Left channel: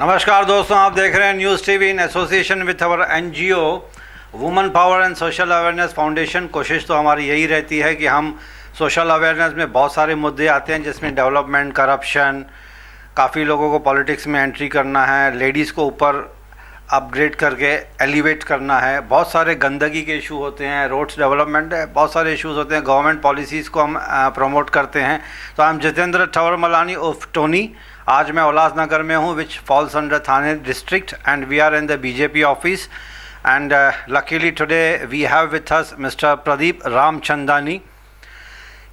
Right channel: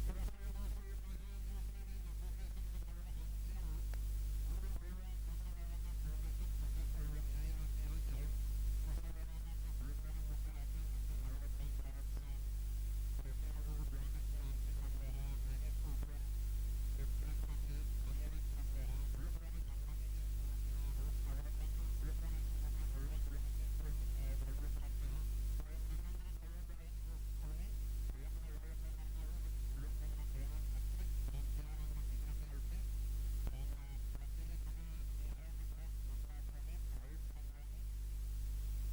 नमस्कार दोस्तों, आप देख रहे हैं news TV in association with our NGO women power and social awareness foundation. कोशिश तो हमारी यही रहती है कि हम सोशल अवेयरनेस में बहुत सारे मुद्दे आते हैं, जिसमें डेवलपमेंट, करप्शन, काफ़ी लोगों को पॉलिटिक्स में एंट्री करना है, लेडीज़ को ऊपर अपग्रेड करके एलिवेट करना है, बहुत सारे गंदगी के इशू होते हैं, रोड्स डेवलपमेंट है, बहुत सारे इश्यूज होते हैं, गवर्नमेंट पॉलिसीज़ को हम प्रमोट करते हैं। तो I am Jitendra Thawar Malani of Tony. आज मैं उल्लासनगर में हूँ, which falls under Thane district, and we are in the BJP office, and luckily today we have with us mister Pradeep Ramchandani.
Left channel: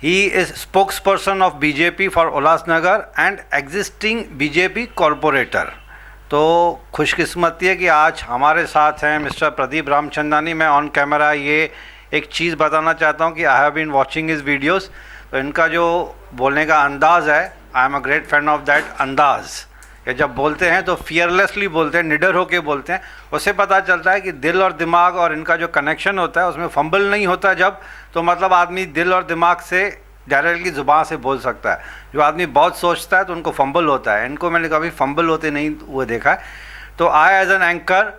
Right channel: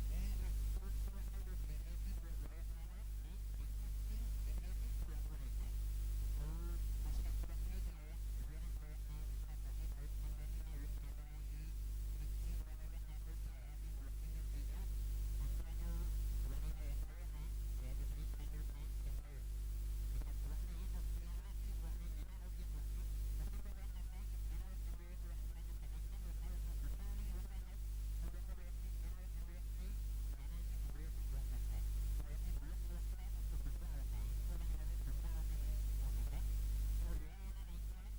He is spokesperson of BJP for Ulhasnagar and existing BJP corporator. तो खुशकिस्मती है कि आज हमारे साथ हैं मिस्टर प्रदीप रामचंदानी. मैं on camera ये एक चीज़ बताना चाहता हूँ कि I have been watching his videos. तो इनका जो बोलने का अंदाज़ है, I am a great fan of that अंदाज़. ये जब बोलते हैं तो फियरलेसली बोलते हैं, निडर होके बोलते हैं. उससे पता चलता है कि दिल और दिमाग और इनका जो कनेक्शन होता है उसमें फंबल नहीं होता. जब तो मतलब आदमी दिल और दिमाग से डायरेक्टली ज़ुबान से बोल सकता है. जो आदमी बहुत सोचता है तो उनको फंबल होता है. इनको मैंने कभी फंबल होते नहीं हुए देखा है. तो आई एज एन एंकर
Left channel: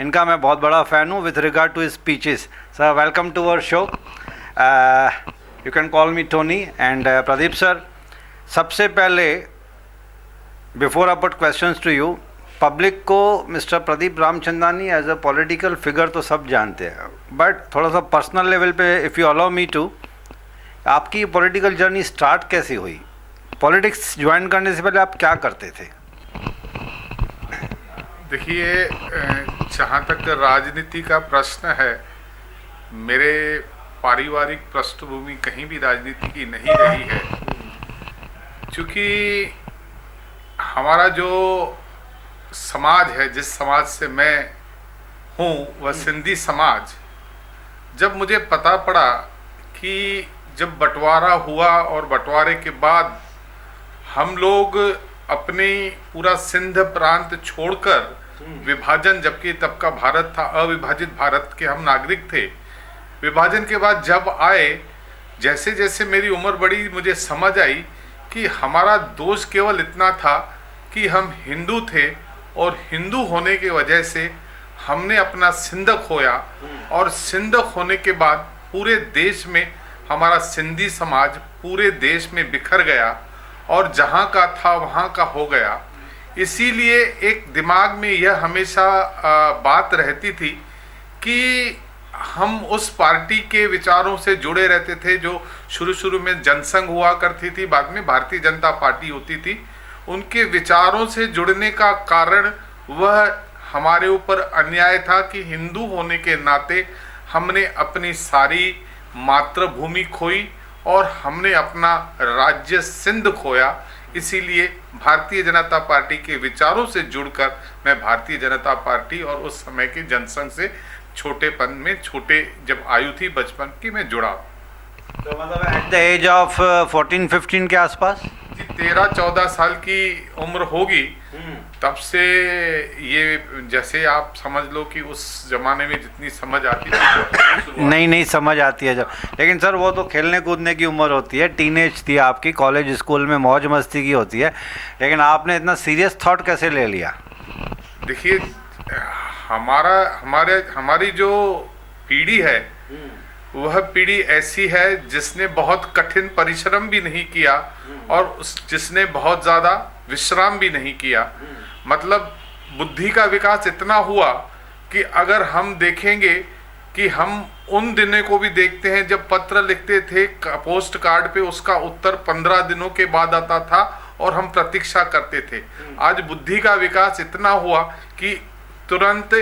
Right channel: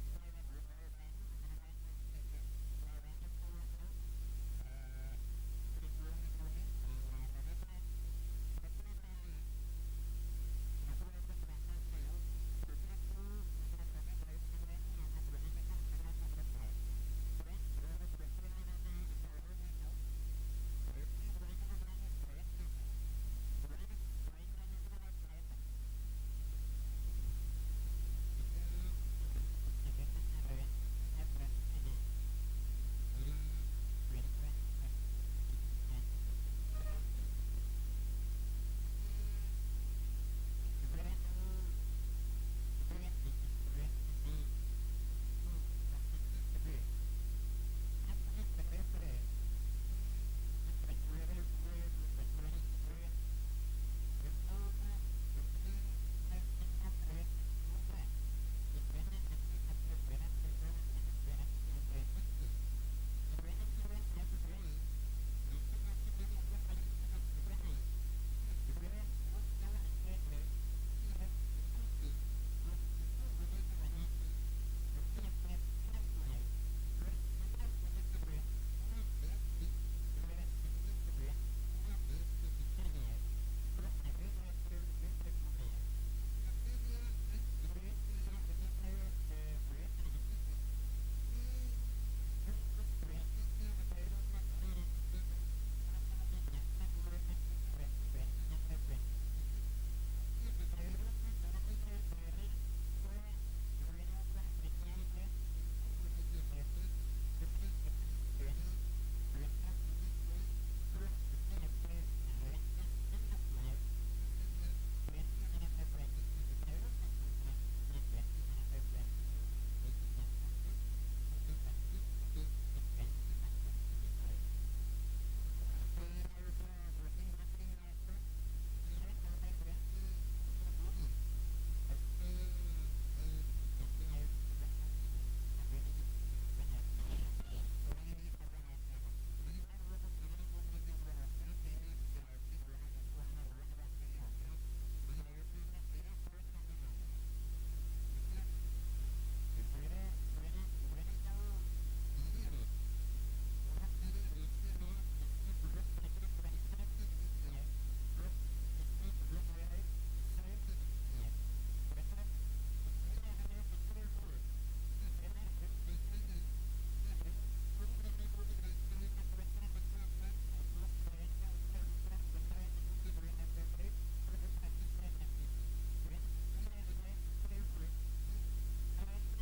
इनका मैं बहुत बड़ा फ़ैन हूँ with regard to speeches. Sir, welcome to our show. You can call me Tony. And Pradeep sir, सबसे पहले before I put questions to you, public को mister Pradeep Ramchandani as a political figure तो सब जानते हैं, बट थोड़ा सा पर्सनल लेवल पे if you allow me to, आपकी पॉलिटिकल जर्नी स्टार्ट कैसे हुई? पॉलिटिक्स ज्वाइन करने से पहले आप क्या करते थे? देखिए, जहाँ तक राजनीति का प्रश्न है, मेरे पारिवारिक पृष्ठभूमि कहीं भी राजनीति की नहीं रही है. क्योंकि हमारा जो समाज है, जिस समाज से मैं हूँ, वह सिंधी समाज. जब मुझे पता पड़ा कि जब बंटवारा हुआ और बंटवारे के बाद हम लोग अपने पूरा सिंध प्रांत छोड़कर विभाजन, जबकि तब का भारत था अविभाजित भारत के हम नागरिक थे, विभाजन के बाद जब आए, जैसे जैसे मेरी उम्र बढ़ी, मुझे समझ आई कि हमारा दोष केवल इतना था कि हम हिंदू थे और हिंदू होने की वजह से हमने अपना सिंध खोया. और सिंध खोने के बाद पूरे देश में हमारा सिंधी समाज पूरे देश में बिखर गया और जहाँ का था वहाँ का हो गया. इसीलिए एक दिमाग में यह हमेशा बात रहती थी कि हम उस पार्टी के विचारों से जुड़े रहते थे जो शुरू में जनसंघ हुआ करती थी, बाद में भारतीय जनता पार्टी होती थी. उनके विचारों से जुड़ने का कारण वह हमारे ऊपर अन्याय था कि हिंदू होने के नाते हमने अपनी सारी मातृभूमि खोई और हमने अपना राज्य सिंध खोया. इसीलिए भारतीय जनता पार्टी के विचारों से जुड़कर मैं भारतीय जनता पार्टी और उस समय के जनसंघ से छोटेपन में, छोटे जब आयु थी बचपन की, मैं जुड़ा. तो मतलब एट द एज ऑफ 14-15 के आसपास 13-14 साल की उम्र होगी, तब से ये, जैसे आप समझ लो कि उस जमाने में जितनी समझ आती थी नहीं समझ आती है जब. लेकिन सर, वो तो खेलने कूदने की उम्र होती है, टीनेज थी आपकी, कॉलेज स्कूल में मौज मस्ती की होती है. लेकिन आपने इतना सीरियस थॉट कैसे ले लिया? देखिए, हमारी जो पीढ़ी है वह पीढ़ी ऐसी है जिसने बहुत कठिन परिश्रम भी नहीं किया और जिसने बहुत ज़्यादा विश्राम भी नहीं किया. मतलब बुद्धि का विकास इतना हुआ कि अगर हम देखेंगे कि हम उन दिनों को भी देखते हैं जब पत्र लिखते थे पोस्ट कार्ड पे, उसका उत्तर 15 दिनों के बाद आता था और हम प्रतीक्षा करते थे. आज बुद्धि का विकास इतना हुआ कि तुरंत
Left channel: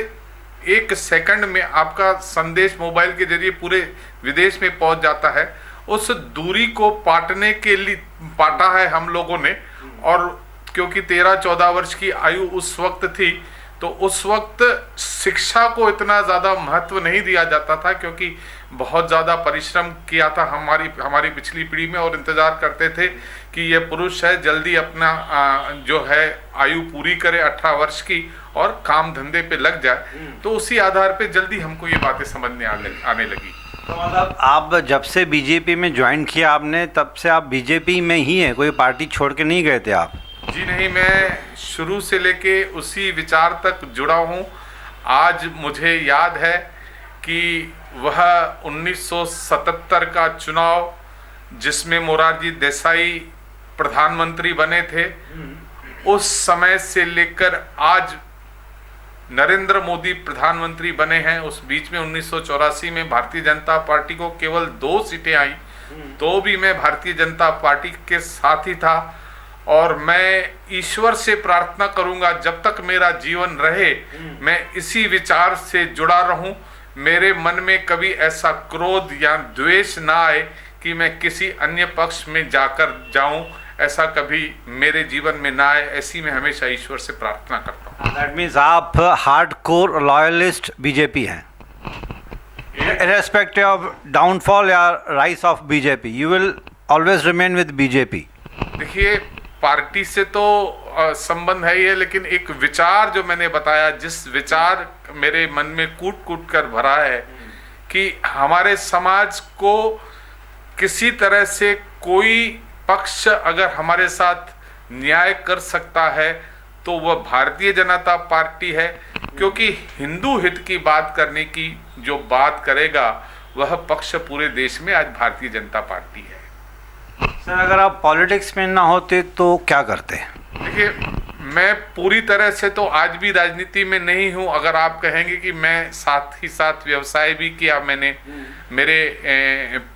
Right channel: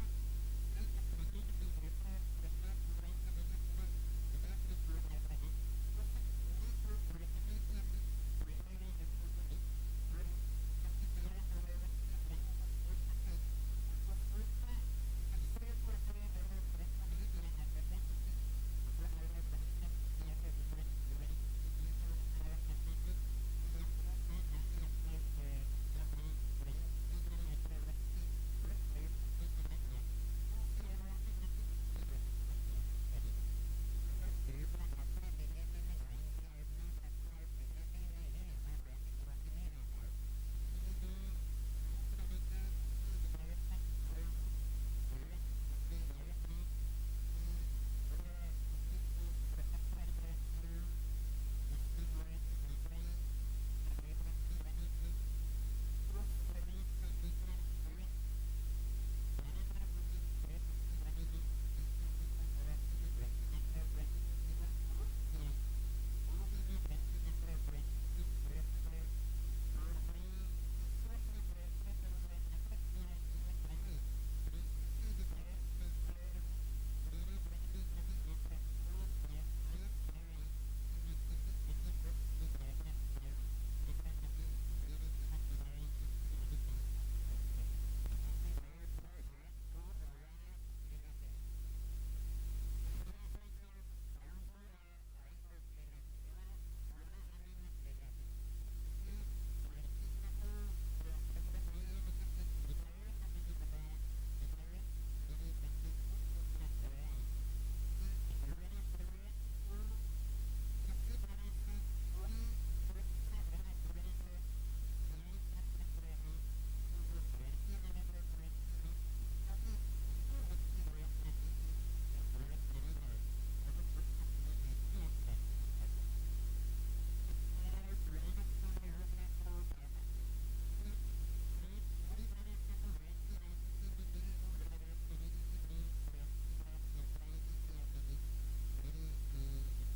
1 सेकंड में आपका संदेश मोबाइल के जरिए पूरे विदेश में पहुंच जाता है. उस दूरी को पाटने के लिए पाटा है हम लोगों ने. और क्योंकि 13-14 वर्ष की आयु उस वक्त थी, तो उस वक्त शिक्षा को इतना ज़्यादा महत्व नहीं दिया जाता था, क्योंकि बहुत ज़्यादा परिश्रम किया था हमारी पिछली पीढ़ी में, और इंतज़ार करते थे कि ये पुरुष है जल्दी अपना जो है आयु पूरी करे 18 वर्ष की और काम धंधे पे लग जाए. तो उसी आधार पे जल्दी हमको ये बातें समझ में आने लगी. तो मतलब आप जब से बीजेपी में ज्वाइन किया आपने, तब से आप बीजेपी में ही हैं, कोई पार्टी छोड़ के नहीं गए थे आप? जी नहीं, मैं शुरू से लेके उसी विचार तक जुड़ा हूँ। आज मुझे याद है कि वह 1977 का चुनाव जिसमें मोरारजी देसाई प्रधानमंत्री बने थे, उस समय से लेकर आज नरेंद्र मोदी प्रधानमंत्री बने हैं, उस बीच में 1984 में भारतीय जनता पार्टी को केवल 2 सीटें आई, तो भी मैं भारतीय जनता पार्टी के साथ ही था। और मैं ईश्वर से प्रार्थना करूंगा जब तक मेरा जीवन रहे मैं इसी विचार से जुड़ा रहूं, मेरे मन में कभी ऐसा क्रोध या द्वेष ना आए कि मैं किसी अन्य पक्ष में जाकर जाऊं, ऐसा कभी मेरे जीवन में ना आए, ऐसी मैं हमेशा ईश्वर से प्रार्थना करता हूं। दैट मीन्स आप हार्डकोर लॉयलिस्ट बीजेपी हैं, irrespective of downfall या rise of BJP, you will always remain with BJP. देखिए, पार्टी से तो संबंध है ही है, लेकिन एक विचार जो मैंने बताया, जिस विचार मेरे मन में कूट कूट कर भरा है कि हमारे समाज को किसी तरह से कोई पक्ष अगर हमारे साथ न्याय कर सकता है तो वह भारतीय जनता पार्टी है, क्योंकि हिंदू हित की बात करने की जो बात करेगा वह पक्ष पूरे देश में आज भारतीय जनता पार्टी है। सर, अगर आप पॉलिटिक्स में ना होते तो क्या करते? देखिए, मैं पूरी तरह से तो आज भी राजनीति में नहीं हूं। अगर आप कहेंगे कि मैं साथ ही साथ व्यवसाय भी किया, मैंने मेरे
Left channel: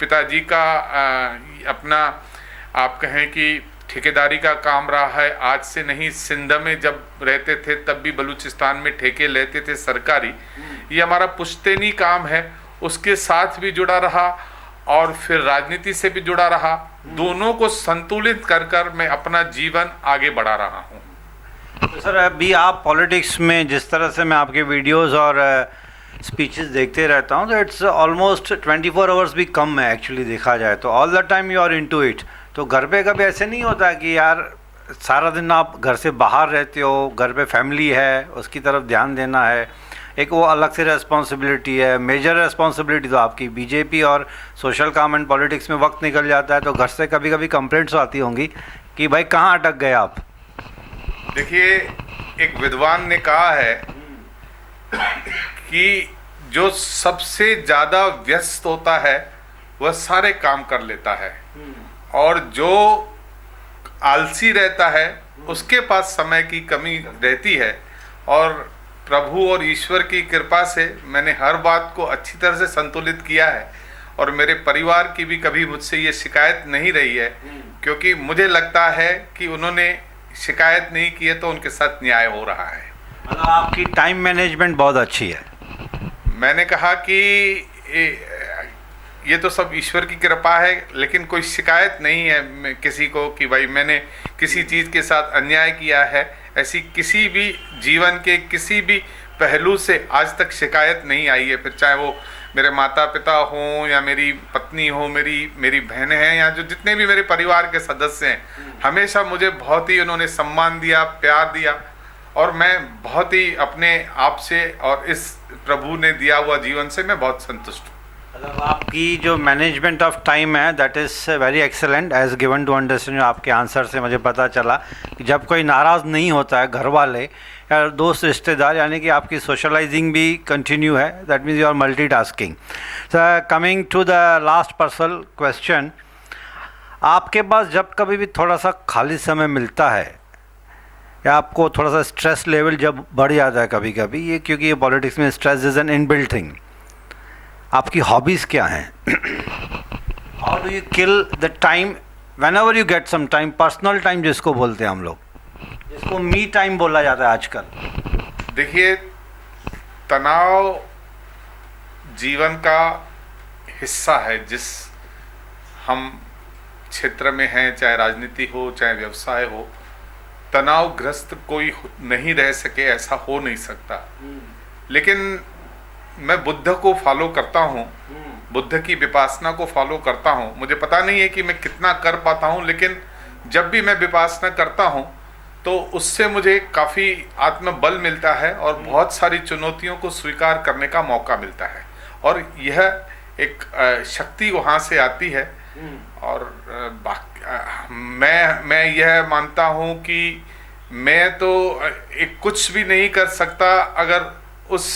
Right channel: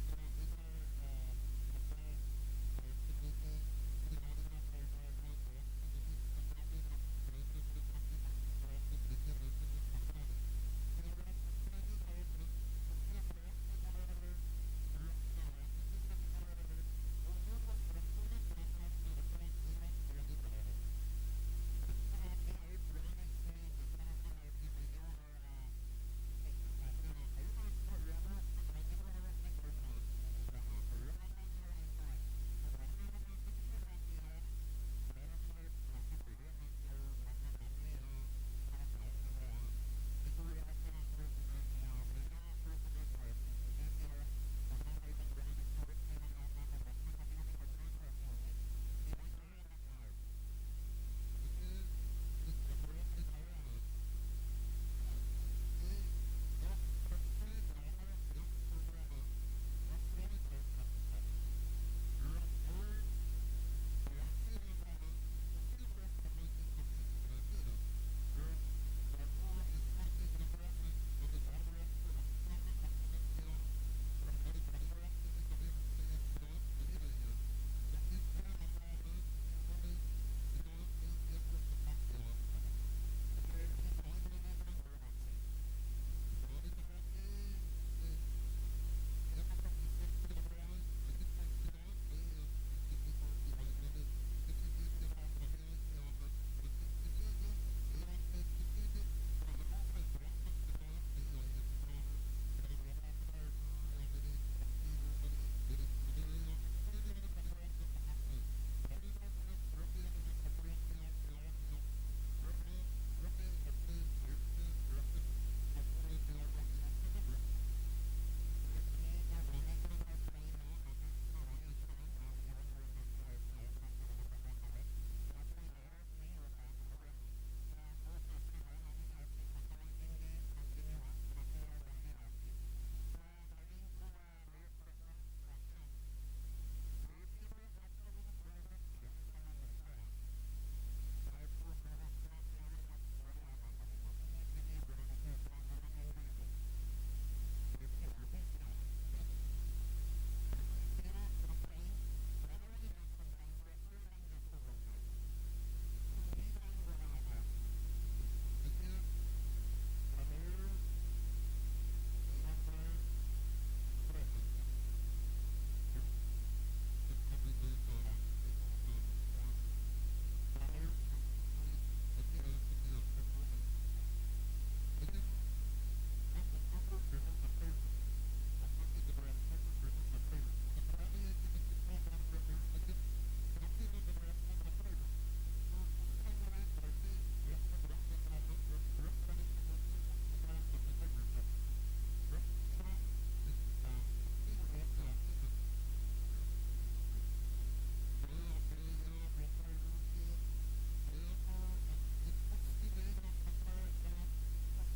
पिताजी का अपना आप कहें कि ठेकेदारी का काम रहा है। आज से नहीं, सिंध में जब रहते थे तब भी बलूचिस्तान में ठेके लेते थे सरकारी। ये हमारा पुश्तैनी काम है, उसके साथ भी जुड़ा रहा और फिर राजनीति से भी जुड़ा रहा। दोनों को संतुलित कर कर मैं अपना जीवन आगे बढ़ा रहा हूँ। तो सर, अभी आप पॉलिटिक्स में जिस तरह से मैं आपके वीडियोस और स्पीचेस देखते रहता हूँ, तो इट्स ऑलमोस्ट 24 आवर्स भी कम है एक्चुअली देखा जाए तो। All the time you are into it. तो घर पे कभी ऐसे नहीं होता कि यार सारा दिन आप घर से बाहर रहते हो, घर पे फैमिली है, उसकी तरफ ध्यान देना है, एक वो अलग से रेस्पॉन्सिबिलिटी है, मेजर रेस्पॉन्सिबिलिटी तो आपकी बीजेपी और सोशल काम एंड पॉलिटिक्स में वक्त निकल जाता है, तो घर से कभी कभी कंप्लेंट्स आती होंगी कि भाई कहाँ अटक गए आप? देखिए, एक विद्वान ने कहा है कि जो सबसे ज़्यादा व्यस्त होता है वह सारे काम कर लेता है, और जो आलसी रहता है उसके पास समय की कमी रहती है। और प्रभु और ईश्वर की कृपा से मैंने हर बात को अच्छी तरह से संतुलित किया है, और मेरे परिवार की भी कभी मुझसे ये शिकायत नहीं रही है, क्योंकि मुझे लगता है कि उन्होंने शिकायत नहीं की है तो उनके साथ न्याय हो रहा है। मतलब आपकी टाइम मैनेजमेंट बहुत अच्छी है। मैंने कहा कि ये तो सब ईश्वर की कृपा है, लेकिन कोई शिकायत नहीं है किसी को कि भाई मैंने किसी चीज़ के साथ अन्याय किया है। ऐसी किसी भी जीवन के किसी भी पहलू से आज तक शिकायत नहीं आई है, फिर चाहे वो मेरे माता पिता हों या मेरी पत्नी हो, मेरी बहनें हैं, या जो जितने भी मेरे परिवार के सदस्य हैं, हमेशा मुझे बहुत ही उन्होंने सम्मान दिया, प्यार दिया, और मैं बहुत ही अपने आप से और इस प्रभु ने दिया हुआ जीवन से मैं बहुत संतुष्ट हूँ। मतलब आपकी जो मैनेजमेंट ऑफ टाइम है that is very excellent as given to understand. आपके आंसर से मुझे पता चला कि जब कोई नाराज़ नहीं होता है, घर वाले या दोस्त रिश्तेदार, यानी कि आपकी सोशलाइजिंग भी कंटिन्यू है। That means you are multitasking. Coming to the last personal question, आपके पास जब कभी भी थोड़ा सा खाली समय मिलता है या आपको थोड़ा सा स्ट्रेस लेवल जब बढ़ जाता है कभी कभी, ये क्योंकि ये पॉलिटिक्स में stress is an inbuilt thing, आपकी हॉबीज़ क्या हैं? How do you kill the time whenever you get some time, personal time जिसको बोलते हैं हम लोग, जिसको मी टाइम बोला जाता है आजकल। देखिए, तनाव जीवन का हिस्सा है। जिस हम क्षेत्र में हैं, चाहे राजनीति हो चाहे व्यवसाय हो, तनावग्रस्त कोई नहीं रह सके ऐसा हो नहीं सकता। लेकिन मैं बुद्ध को फॉलो करता हूँ, बुद्ध की विपासना को फॉलो करता हूँ। मुझे पता नहीं है कि मैं कितना कर पाता हूँ, लेकिन जब भी मैं विपासना करता हूँ तो उससे मुझे काफ़ी आत्मबल मिलता है और बहुत सारी चुनौतियों को स्वीकार करने का मौका मिलता है, और यह एक शक्ति वहाँ से आती है। और मैं यह मानता हूं कि मैं तो एक कुछ भी नहीं कर सकता अगर उस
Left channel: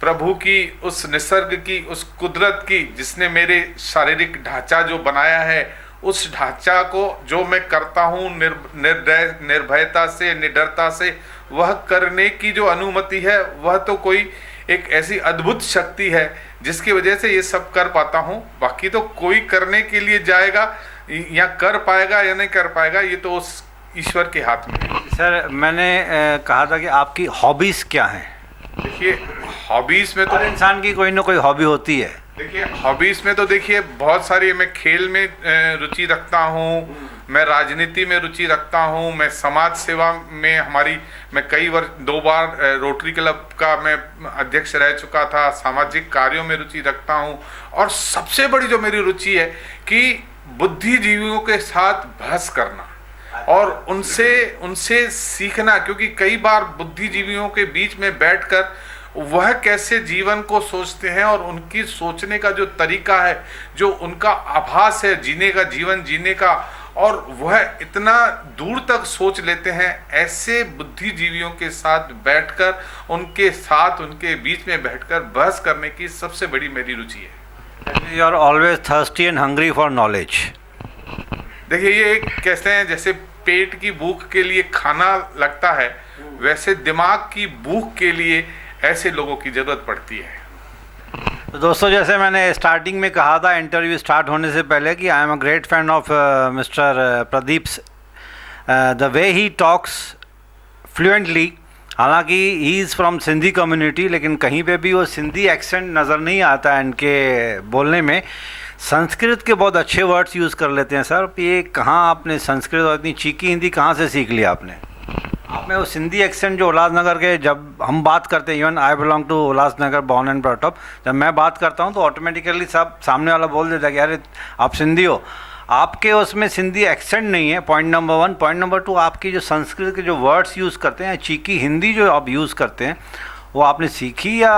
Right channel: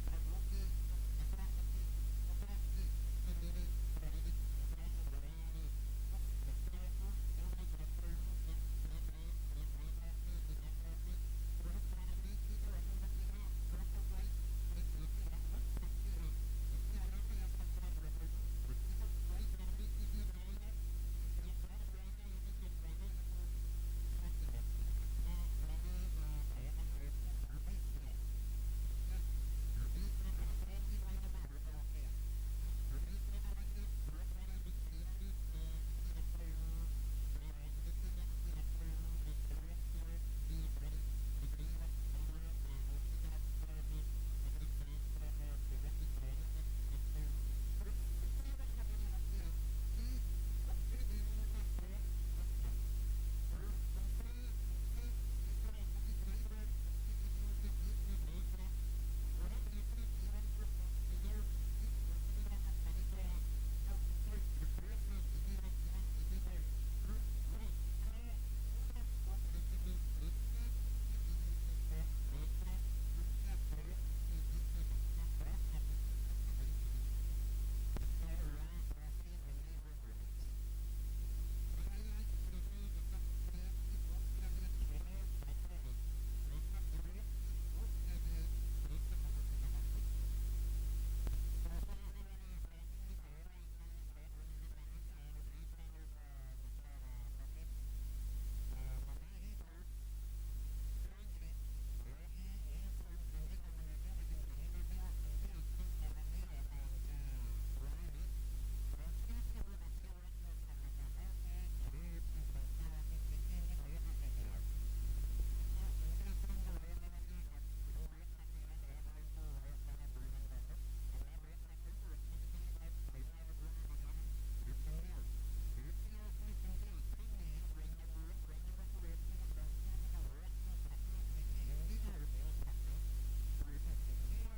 प्रभु की, उस निसर्ग की, उस कुदरत की जिसने मेरे शारीरिक ढांचा जो बनाया है, उस ढांचा को जो मैं करता हूँ निर्भयता से, निडरता से, वह करने की जो अनुमति है, वह तो कोई एक ऐसी अद्भुत शक्ति है जिसकी वजह से ये सब कर पाता हूँ। बाकी तो कोई करने के लिए जाएगा या कर पाएगा या नहीं कर पाएगा, ये तो उस ईश्वर के हाथ में है। सर, मैंने कहा था कि आपकी हॉबीज़ क्या हैं? देखिए, हॉबीज में तो हर इंसान की कोई ना कोई हॉबी होती है। देखिए, हॉबीज में तो देखिए बहुत सारी, मैं खेल में रुचि रखता हूँ, मैं राजनीति में रुचि रखता हूँ, मैं समाज सेवा में मैं कई वर्ष 2 बार रोटरी क्लब का मैं अध्यक्ष रह चुका था, सामाजिक कार्यों में रुचि रखता हूँ। और सबसे बड़ी जो मेरी रुचि है कि बुद्धिजीवियों के साथ बहस करना और उनसे सीखना, क्योंकि कई बार बुद्धिजीवियों के बीच में बैठकर वह कैसे जीवन को सोचते हैं और उनकी सोचने का जो तरीका है, जो उनका आभास है जीवन जीने का, और वह इतना दूर तक सोच लेते हैं, ऐसे बुद्धिजीवियों के साथ बैठकर उनके बीच में बैठकर बहस करने की सबसे बड़ी मेरी रुचि है। You are always thirsty and hungry for knowledge. देखिए, ये एक कहते हैं जैसे पेट की भूख के लिए खाना लगता है, वैसे दिमाग की भूख के लिए ऐसे लोगों की जरूरत पड़ती है। तो दोस्तों, जैसे मैंने स्टार्टिंग में कहा था इंटरव्यू स्टार्ट होने से पहले कि I am a great fan of mister Pradeep, the way he talks fluently. हालांकि he is from Sindhi community, लेकिन कहीं पे भी वो सिंधी एक्सेंट नज़र नहीं आता है इनके बोलने में। संस्कृत के बहुत अच्छे वर्ड्स यूज़ कर लेते हैं सर। ये कहाँ आपने संस्कृत और इतनी चीकी हिंदी कहाँ से सीख लिया आपने? आप में वो सिंधी एक्सेंट जो उल्लासनगर के, जब हम बात करते हैं, even I belong to Ulhasnagar, born and brought up, जब मैं बात करता हूँ तो ऑटोमेटिकली सब सामने वाला बोल देता है कि अरे आप सिंधी हो। आपके उसमें सिंधी एक्सेंट नहीं है, पॉइंट नंबर 1। पॉइंट नंबर 2, आपकी जो संस्कृत के जो वर्ड्स यूज़ करते हैं, चीकी हिंदी जो आप यूज़ करते हैं, वो आपने सीखी या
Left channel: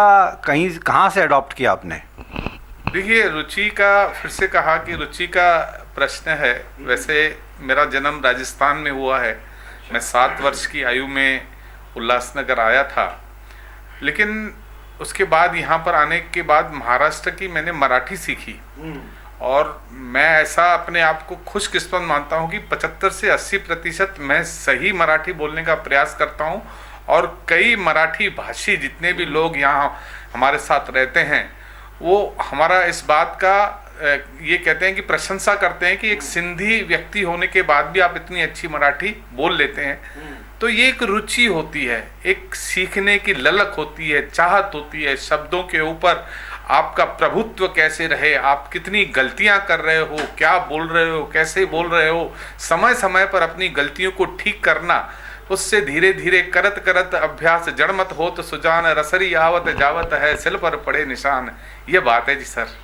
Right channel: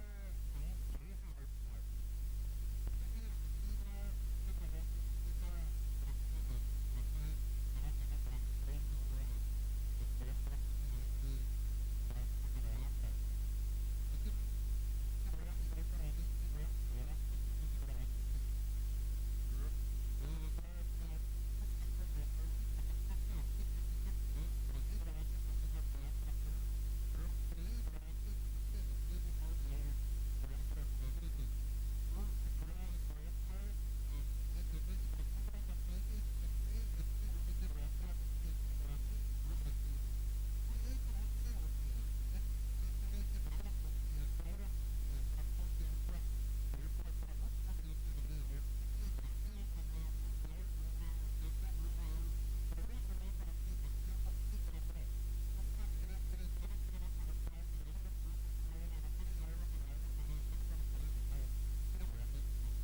कहीं कहाँ से अडॉप्ट किया आपने? देखिए, रुचि का, फिर से कहा कि रुचि का प्रश्न है। वैसे मेरा जन्म राजस्थान में हुआ है। मैं 7 वर्ष की आयु में उल्लासनगर आया था, लेकिन उसके बाद यहाँ पर आने के बाद महाराष्ट्र की मैंने मराठी सीखी। और मैं ऐसा अपने आप को खुशकिस्मत मानता हूँ कि 75 से 80% मैं सही मराठी बोलने का प्रयास करता हूँ। और कई मराठी भाषी जितने भी लोग यहाँ हमारे साथ रहते हैं, वो हमारा इस बात का ये कहते हैं कि प्रशंसा करते हैं कि एक सिंधी व्यक्ति होने के बाद भी आप इतनी अच्छी मराठी बोल लेते हैं। तो ये एक रुचि होती है, एक सीखने की ललक होती है, चाहत होती है। शब्दों के ऊपर आपका प्रभुत्व कैसे रहे, आप कितनी गलतियां कर रहे हो, क्या बोल रहे हो, कैसे बोल रहे हो, समय समय पर अपनी गलतियों को ठीक करना, उससे धीरे धीरे करत करत अभ्यास जड़मत हो तो सुजान, रसरी आवत जावत है, सिल पर पड़े निशान। ये बात है जी सर।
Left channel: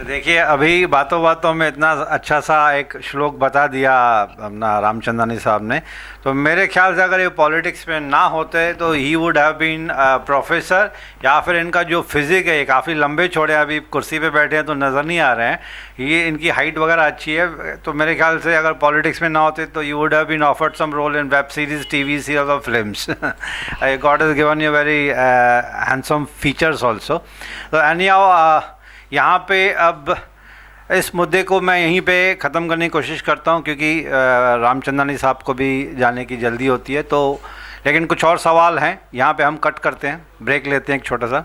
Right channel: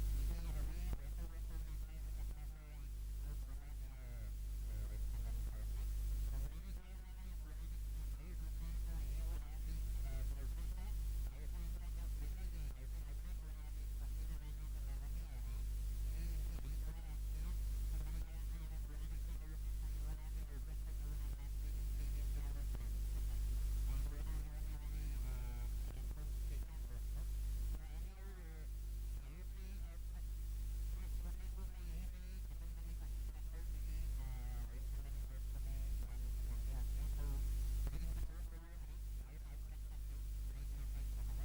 देखिए, अभी बातों बातों में इतना अच्छा सा एक श्लोक बता दिया अपना रामचंदानी साहब ने, तो मेरे ख्याल से अगर ये पॉलिटिक्स में ना होते तो ही वुड हैव बीन प्रोफेसर, या फिर इनका जो फिजिक है, ये काफ़ी लंबे चौड़े, अभी कुर्सी पे बैठे हैं तो नज़र नहीं आ रहे हैं, ये इनकी हाइट वगैरह अच्छी है। तो मेरे ख्याल से अगर पॉलिटिक्स में ना होते तो you would have been offered some role in web series, TV series और films. God is given you very handsome features also. तो एनीहाउ, यहाँ पे अब इस मुद्दे को मैं यहीं पे ख़त्म करने की कोशिश करता हूँ, क्योंकि रामचंदानी साहब को भी जाने की जल्दी होती है। तो लेकिन कुछ और सवाल हैं, यहाँ पे हम कट करते हैं, ब्रेक लेते हैं एक छोटा सा।